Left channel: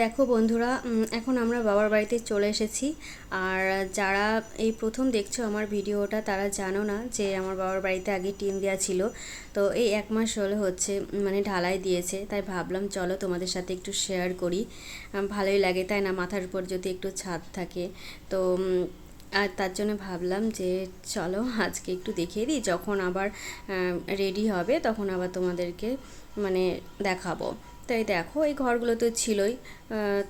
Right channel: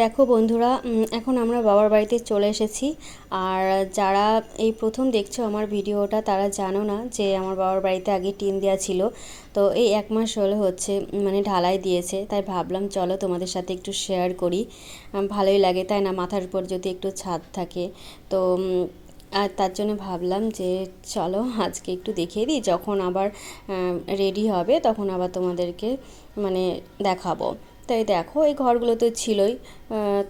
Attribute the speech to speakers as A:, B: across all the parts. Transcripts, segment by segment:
A: দেখো বন্ধুরা এখন আমরা বাবার বাড়িতে চলে এসেছি। আর যারা এই প্রথম দেখছ আমার ভিডিওটা, তারা জানো না যে আমার বাবার বাড়িতে আগে টিন দেওয়া ছিল। তো এই এক মাস হলে হচ্ছে মানে ঢালাই দিয়েছে। তাই ভাবলাম চলো তোমাদের সাথে একটু শেয়ার করি। ভালোই লাগে, তাই না? মাথার উপর যদি একটু ছাদ থাকে। তো আর তার জন্য ভাবলাম যে চলো আজকে একটু দেখিয়ে দিই, যখন আবার রেডি হবে তখন আবার তোমাদেরকে মানে দেখাবো। তাই দেখো, এই ঘরগুলো তো ছিলই।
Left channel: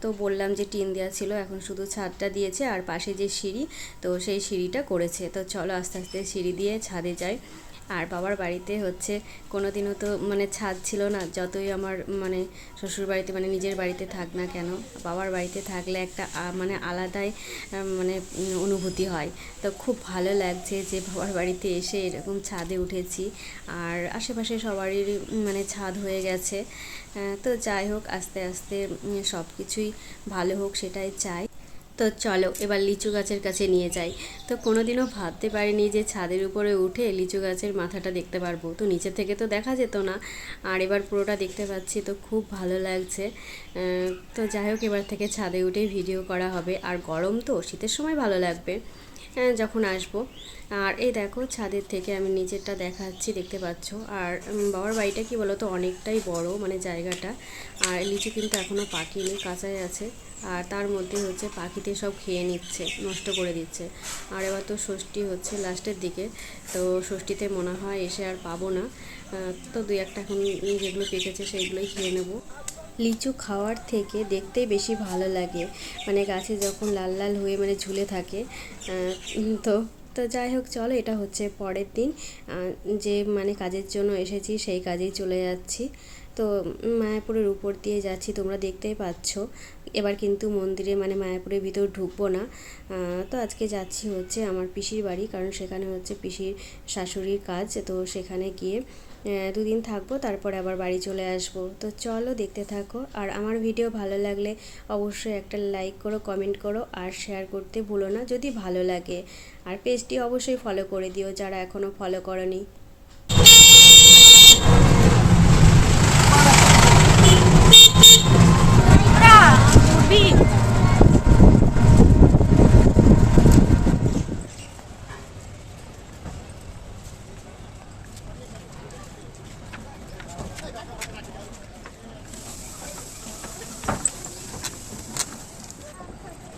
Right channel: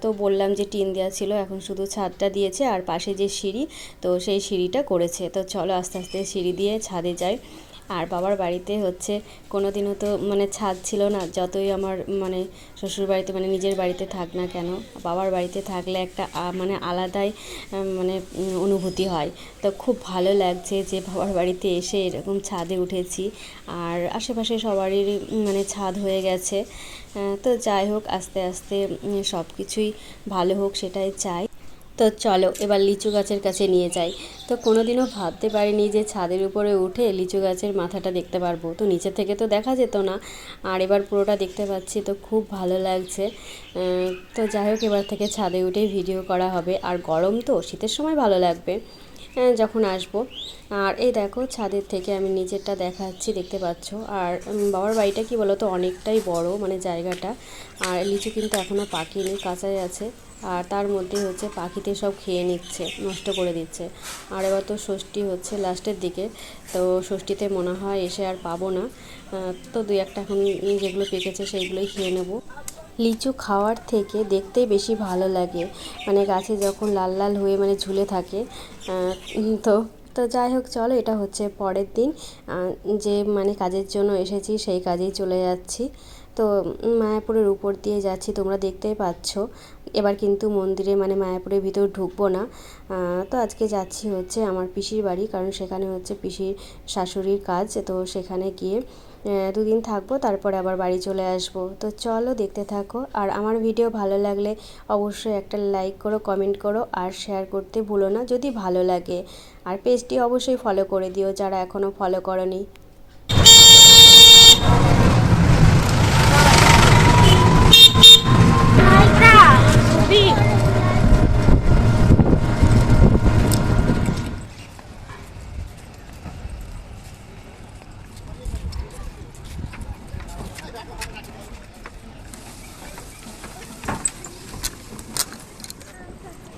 A: তো বললাম যে টিন দেওয়া ছিল, এখন শুধু ছাদটা দিয়েছে আর পাশে যে সিঁড়ি, তো সেই সিঁড়িটা করেছে। তো চলো আস্তে আস্তে সিঁড়ি দিয়ে ছাদে যাই। আর বাবার বাড়িতে হচ্ছে কোনো দিনও তো মানে ছাদ ছিল না, যতই আমার মানে শ্বশুর বাড়িতে মানে নিজের বাড়িতে থাক না কেন, বাবার বাড়িতে থাকলে একটা মানে আলাদাই মানে অনুভূতি হয়। তো খুব ভালো লাগছে যে বাবার বাড়িতে এসে এরকম ছাদে উঠেছি। আর আশেপাশে সবারই মানে ছাদ হয়ে গেছে। তো যাই হোক, আস্তে আস্তে সব কিছুই ভালো হোক, সেটাই চাই। তো চলো, এবার লিচু গাছের কাছে নিয়ে যাই। তো কোনোদিনও ভাবতে পারিনি যে ছাদের উপরে উঠে লিচু গাছের মাথাটা দেখতে পারব। তো নিচে থেকে তো দেখা যেত না, আর এবার পুরোটা দেখতে পাচ্ছি, তো খুব ভালো লাগছে। তো যাই হোক, এবার থেকে ছাদে উঠেই ভিডিও করা হবে। আর গরম তো, শীতের সময় ভালো লাগবে। যখন আসব। আর এই দেখো, ছাদের থেকে আমি নিচেরটা দেখাচ্ছি, দেখতে পাচ্ছ। আর বাবার বাড়িটা কি বলো তো অনেকটাই বড় মানে জায়গাটা। আর লিচু কিন্তু এখনও পাকিনি কাঁচাই আছে। আর তার মধ্যে হচ্ছে পাখিতে সব খেয়ে নিচ্ছে, নষ্ট করে দিচ্ছে। আর এবার তো ষষ্ঠী হচ্ছে লাস্টের দিকে, তো ষষ্ঠীতে মনে হয় এসে আর পাবো না। তো দুই একটা এখন যেগুলো পেকেছে সেইগুলোই খেয়ে নেব। লিচু খাওয়ার থেকে দেখতেই বেশি ভালো লাগে। মানে গাছে যখন লাল লাল হয়ে মানে ঝুলে থাকে তো তো যাই হোক, চলো এটা হচ্ছে পরের দিন। যে মানে কাজের জন্য এসেছি সেই কাজেই চলে যাচ্ছি। তো মায়াপুরের উপর দিয়ে যাচ্ছি, তোমরা দেখতেই পাচ্ছ। এবার কিন্তু মন্দিরে মানে মায়াপুরের ভিতর ঢুকবো না। তো আজকে যাচ্ছি হচ্ছে আমার পিসির বাড়ি, কারণ সেখানে হচ্ছে পিসির শাশুড়ির কাজ। তো সেখানে গিয়ে দুদিন থাকব, তারপরে আবার বাড়ি চলে আসব। তো চলো দেখতে থাকো। আর আমার ভিডিও ভালো লাগলে অবশ্যই একটা লাইক করো, কমেন্ট করো আর শেয়ার করতে ভুলো না যদি ভালো লাগে। আর পেজটি অবশ্যই ফলো করে দিও যারা এখনও ফলো করনি।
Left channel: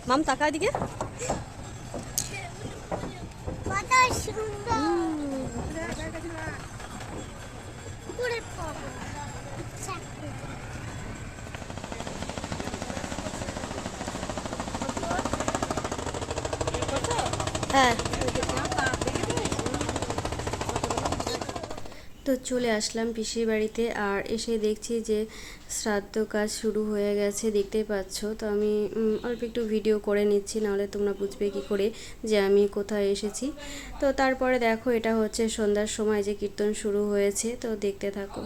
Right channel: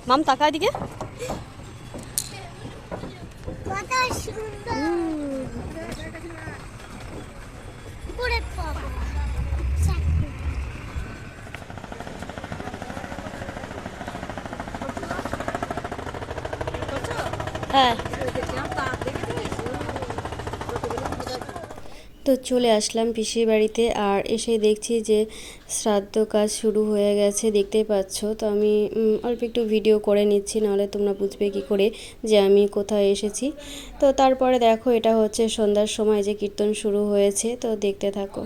A: মাম তাকা দিকে
B: কত
A: হ্যাঁ। তো চলে আসলাম পিসির বাড়িতে আর এসে দেখছি যে শ্রাদ্ধ কাজ শুরু হয়ে গেছে, দেখতেই পাচ্ছ। তো আমি অল্প একটু ভিডিও করে নিচ্ছি, নাহলে তোমরা বুঝবে কি করে যে আমি কোথায় এসেছি। তো তারপরে দেখো, এটা হচ্ছে সন্ধ্যার সময় যে কীর্তন শুরু হয়েছে, তো দেখতে থাকো।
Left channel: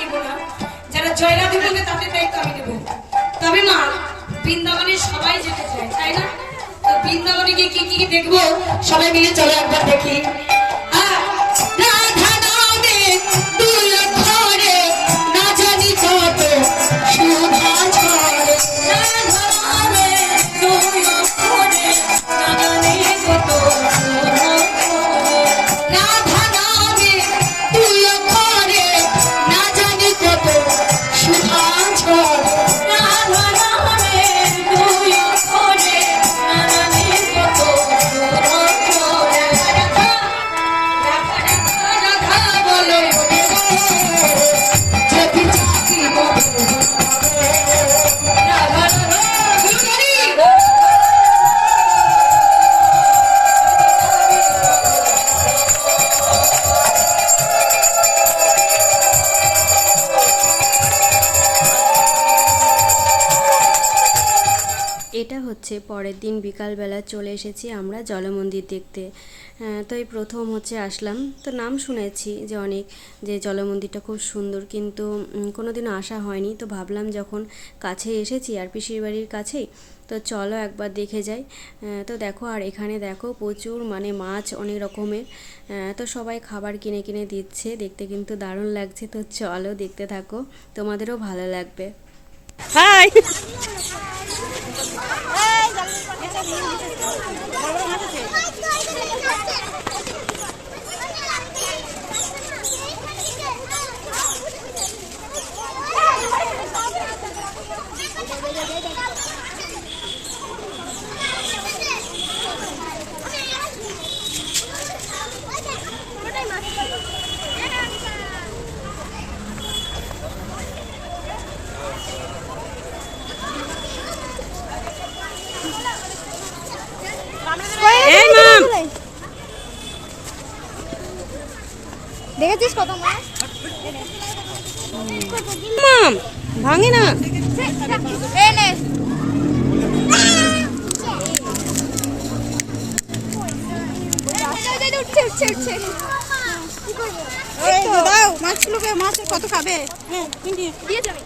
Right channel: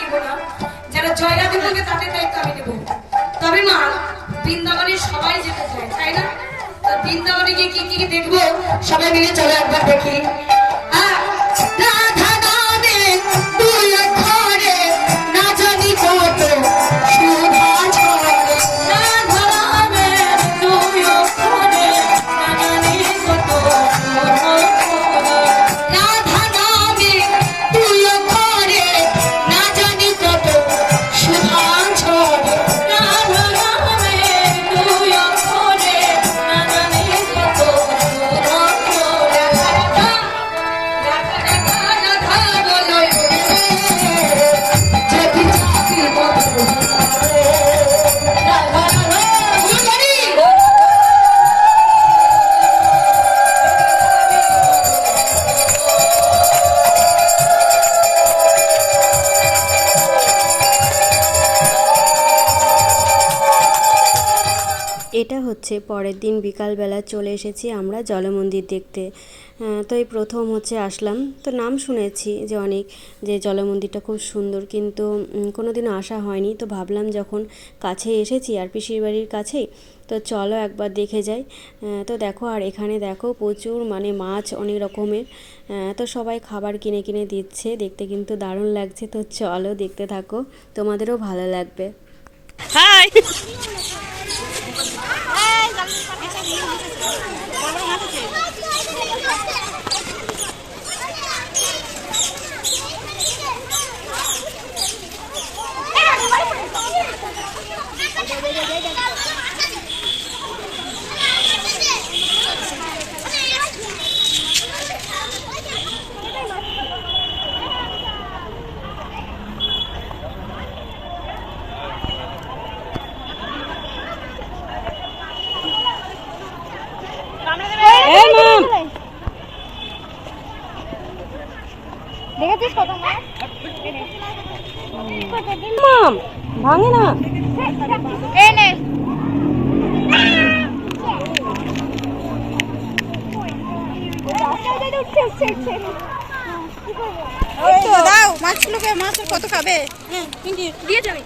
C: নিব না। যারা জয়লাভ করবে তাদের দায়িত্ব আমি নেব। তবে মা, বৃন্দাবনে সবাই যেতে চায়, তাই না? বৃন্দাবনে গিয়ে কি কি দেখব? সবাই মিলে চলে একবার দেখি।
A: হচ্ছে, পরের দিন বিকালবেলা চলে এসেছি আমরা জলমন্দির দেখতে। তো এই প্রথম হচ্ছে আসলাম। তো নাম শুনেছি যে অনেক, যে জলমন্দিরটা খুব সুন্দর, কিন্তু কোনো দিনও আসা হয়নি। তো ভাবলাম যখন কাছে এসেছি আর পিসির বাড়ির কাছেই, তো চলো একবার দেখে যাই। তো দেখো, আর এখানে দেখো প্রচুর মানে মাছ অনেক রকমের। তো সবাই খাবার কিনে কিনে দিচ্ছে, দেখতে কিন্তু দারুণ লাগছে। তো চলো দেখতে থাকো, তোমাদেরও ভালো লাগবে।
D: হাই! すご
B: い! কত মাছ
D: মাম ভাঙে না।
B: এই উঠছে উঠছে উঠছে।
D: দাও মাছগুলোকে মাছের কত খাবে? হ্যাঁ
B: দিয়ে যাবে।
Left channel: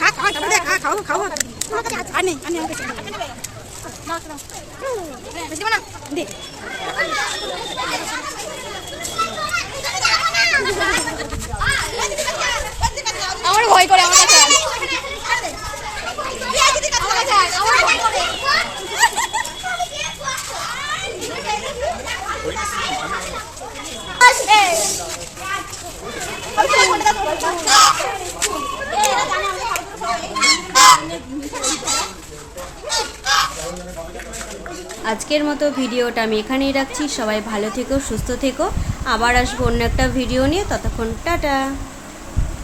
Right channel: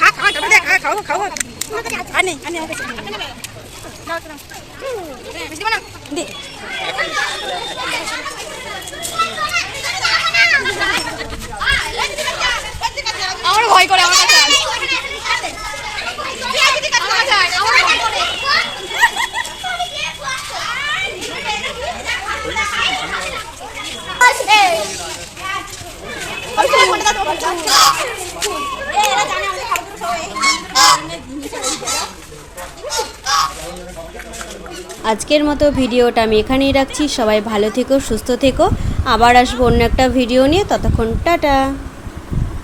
D: খা, খা, খাবে দে, খা, খাও, খাও। হ্যাঁ, বেশি দিবা না? দে।
B: আমার ভয় করে আমার
A: আজকের মতো ভিডিওটা আমি এখানেই রাখছি। সবাই ভালো থেকো, সুস্থ থেকো। আবার আসব অন্য একটা ভিডিও নিয়ে। ততক্ষণ টাটা।